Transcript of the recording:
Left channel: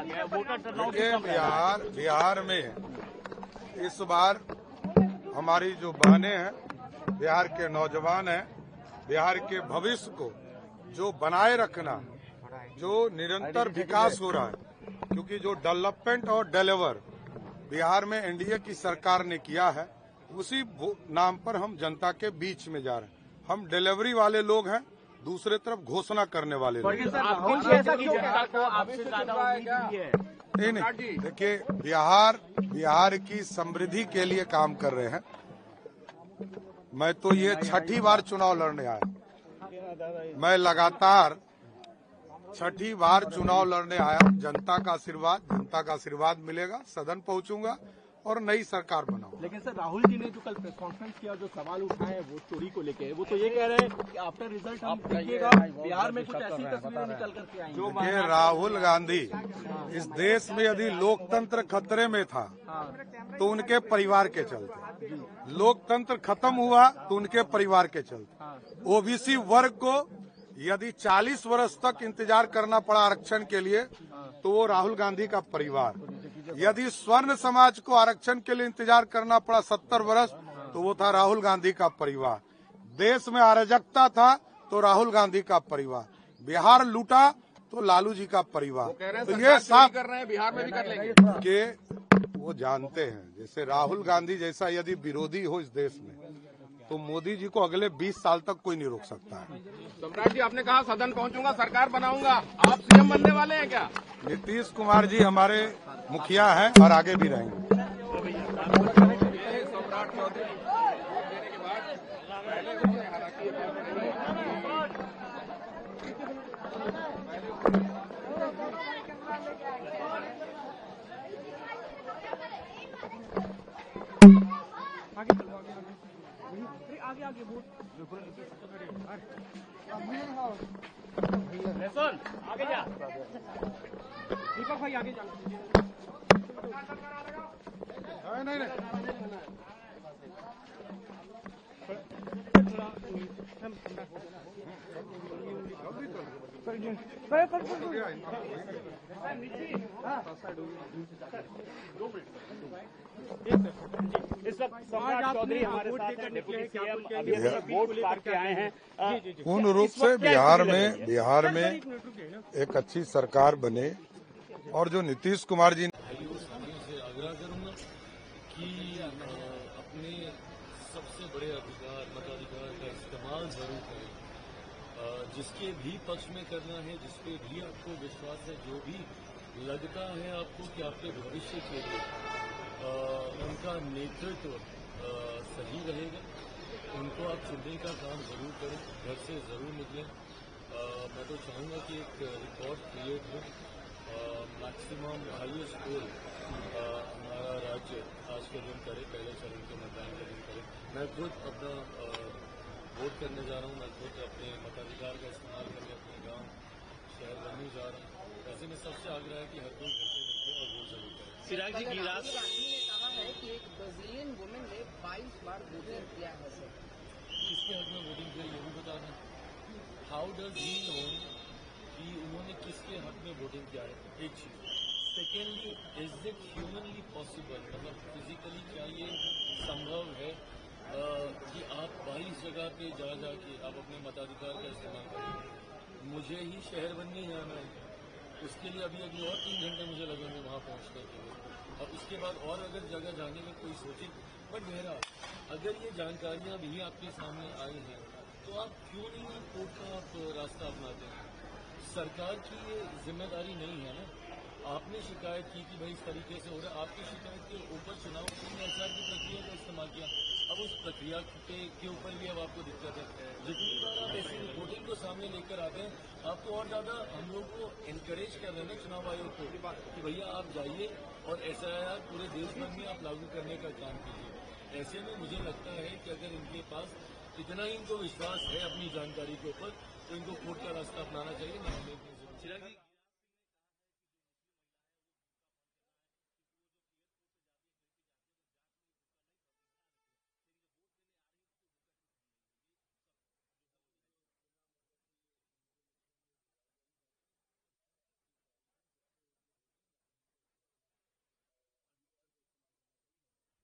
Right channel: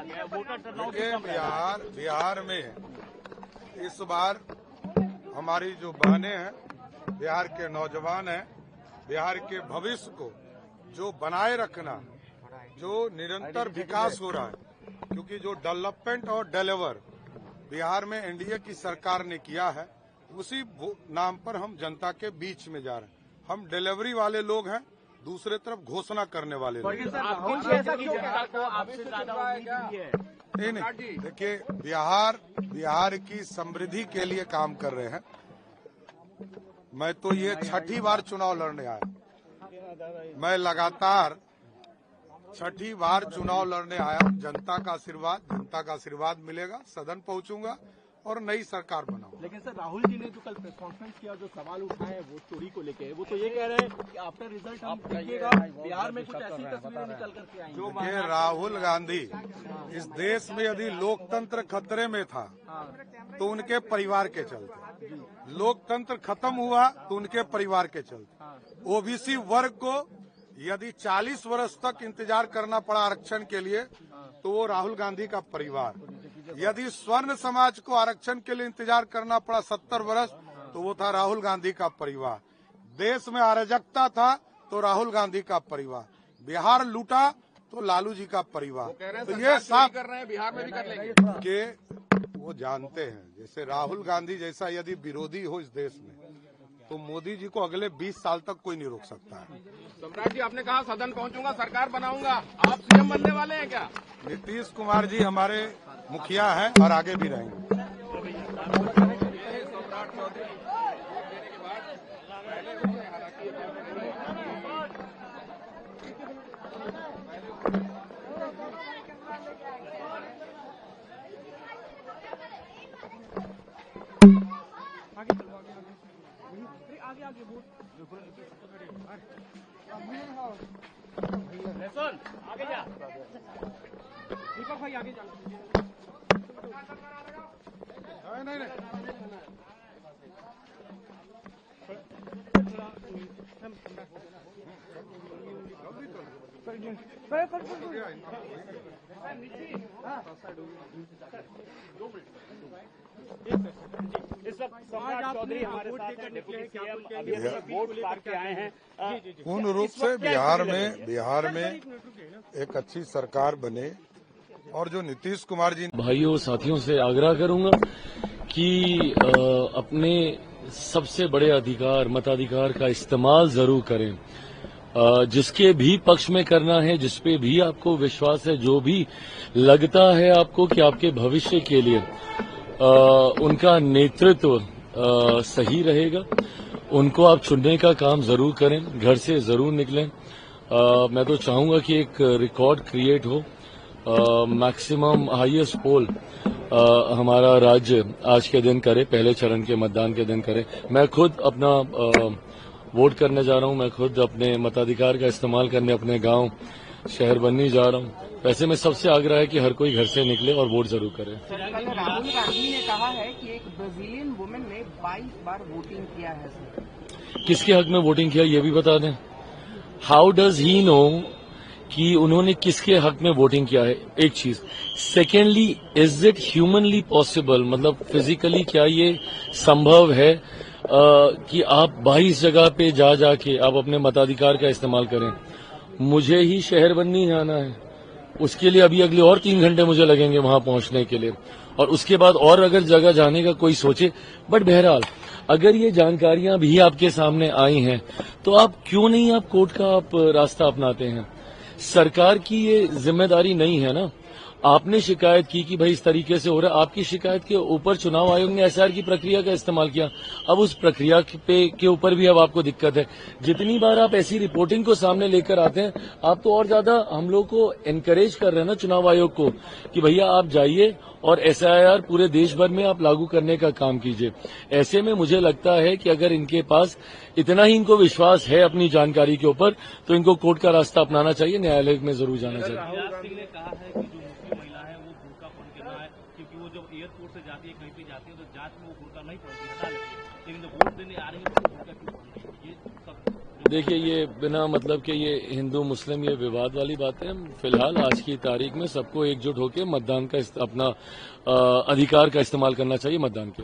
कहा गया है, वोटर टर्नआउट देखिए कम रहा है। बिहार में इस बार हमारी जो बहनें हैं, बिहार के नौजवान हैं, बिहार के भविष्य को जो बनाए रखना, जो निरंतर विकास हो रहा है, क्योंकि जो डेवलपमेंट और डिलीवर बिहार में एनडीए की सरकार ने किया है, उसी नाम पर हम जनता के बीच में जा रहे हैं। हम डिलीवरी वाले लोग हैं, दूसरे तरफ घोषणा करने वाले लोग। नहीं, देखिए बिहार की समृद्धि के लिए काम कर रहे हैं। मैं तो ये 6ठी बार चुनाव लड़ने आया, मैं लगातार 6ठी बार चुनाव लड़ने आया हूं। जनता का आशीर्वाद मिलेगा, सदन पहुंचूंगा और नई सरकार बनाऊंगा। लेकिन सर, राहुल जी ने जो कल प्रेस कॉन्फ्रेंस किया, जो सवाल उठाए हैं वो चोरी को लेके, वो तो ये कह रहे हैं कि आफ्टर रिजल्ट हम देखिएगा बिहार में कुछ ऐसी तस्वीरें निकल करके आएंगी। देखिए, राहुल गांधी इस देश में यदि लोकतंत्र खतरे में था तो उनके परिवार के चलते, लोकतंत्र खत्म हुआ तो उनके परिवार के चलते, ओबीसी वर्ग को यदि 40 वर्ष तक इंतजार करना पड़ा आरक्षण के लिए तो वो राहुल गांधी का परिवार, यदि स्वर्ण समाज को आरक्षण के लिए इंतजार करना पड़ा 70 वर्ष तो वो था राहुल गांधी का परिवार, देश में अराजकता था तो राहुल गांधी का परिवार, बिहार लूटा तो लालू जी का परिवार। तो ये साफ कर रहे हैं, बिहार में भी कर लेंगे कि वो जानते हैं, जैसे राहुल गांधी जैसा यदि विरोधी हो इस देश में तो मोदी जी को अगले 20 साल तक कोई नहीं रोक सकता है। सम्राट जी, आपने कहा सदन पहुंचूंगा, सरकार बनाऊंगा, आप सीएम बनने वाले हैं क्या? नीतीश कुमार जी हमारे मुखिया हैं और आगे भी रहेंगे। आगे जा दीपक भाई, आगे जा। नहीं इस वक्त सम्राट चौधरी हमारे साथ हैं, डिप्टी सीएम, अभी वोट करके आए हैं। पूर्ण रूप से बिहार में एक अच्छी सरकार बने और जो नीतीश कुमार जी, भाइयों साथियों से आग्रह करूंगा कि अपने सबसे बड़े अधिकार मताधिकार का इस्तेमाल जरूर करें, जिसके भी पक्ष में करना है, जिसपे भी आपको विश्वास है, जो भी लगता है आपको कि आपके भविष्य के लिए उनका नेतृत्व सही रहेगा, उनको आप चुनने का काम जरूर करें, घर से जरूर निकलें। मैं तो चाहूंगा कि एक रिकॉर्ड क्रिएट हो, मैक्सिमम हाईएस्ट पोल हमारा राज्य आज के दिन करे, पहले चरण के मतदान के दिन करे। मैं खुद अपना वोट करने जा रहा हूं, मैं खुद अपने मताधिकार का इस्तेमाल करने अपने गांव शहर बननी जा रहा हूं। वैसे में सबसे आग्रह है कि हर कोई घर से निकले और वोट जरूर करे। राहुल गांधी ने कहा है कि एक ब्राजीलियन वुमेन ने 22 बार वोटिंग किया है। किसके हक में वोटिंग किया ये भी बता दें। हाउ डज ही नो कि उन्होंने किसके हक में वोटिंग किया है, एक चीज। Secondly, is it humanly possible, मतलब फिजिकली क्या ये संभव है कि आप 22 जगह पे जाके आप अपने मताधिकार का इस्तेमाल करें। मुझे ही शहर बननी जाना है, उसके लिए अभी अगले और 3 घंटे मुझे लगेंगे वहां पहुंचने के लिए, और उसके बाद और अगर जगह जाने का कोई सोचे। बट बहरहाल अगर ये जानकारियां भी आपके सामने आई हैं तो आप क्यों नहीं आप कोर्ट का आप रास्ता अपनाते हैं। सरकार की ये जिम्मेदारी नहीं है ना। आपने शिकायत की कि भाई इस तरीके से हो रहा है, आपकी शिकायत के ऊपर चुनाव आयोग ने एसआईआर की प्रक्रिया का इस्तेमाल किया। अब उस प्रक्रिया के ऊपर भी अब आपको दिक्कत है। जितनी बार आप ऐसी रिपोर्टिंग को सामने लेकर आते हैं, आप तो और ज्यादा हम लोग को एनकरेज कर रहे हैं ना चुनाव आयोग को कि भैया आप जाइए और एसआईआर पूरे देश भर में आप लागू करने का काम कीजिए। ऐसे में मुझे लगता है कि अगर इनके पास इतना ही इनको विश्वास है अपनी जानकारी के ऊपर तो इनको कोर्ट का रास्ता अपनाना चाहिए, न्यायालय में जरूर जाना चाहिए। क्योंकि वो जब एयरपोर्ट से जाती है, कहीं पे जाती है तो जांच में वो बुर्का नहीं पड़ती, हटा लेती है, लेकिन जब वोट देने आ रही है तो बुर्का क्यों पड़ रही है, ये सब देखिए, ये बिना मतलब के ये हिंदू मुस्लिम ये विवाद वाली बातें हैं। फिलहाल आज की तारीख में सबको एकजुट होकर मतदान का अपना अधिकार का इस्तेमाल करना चाहिए मतदान के।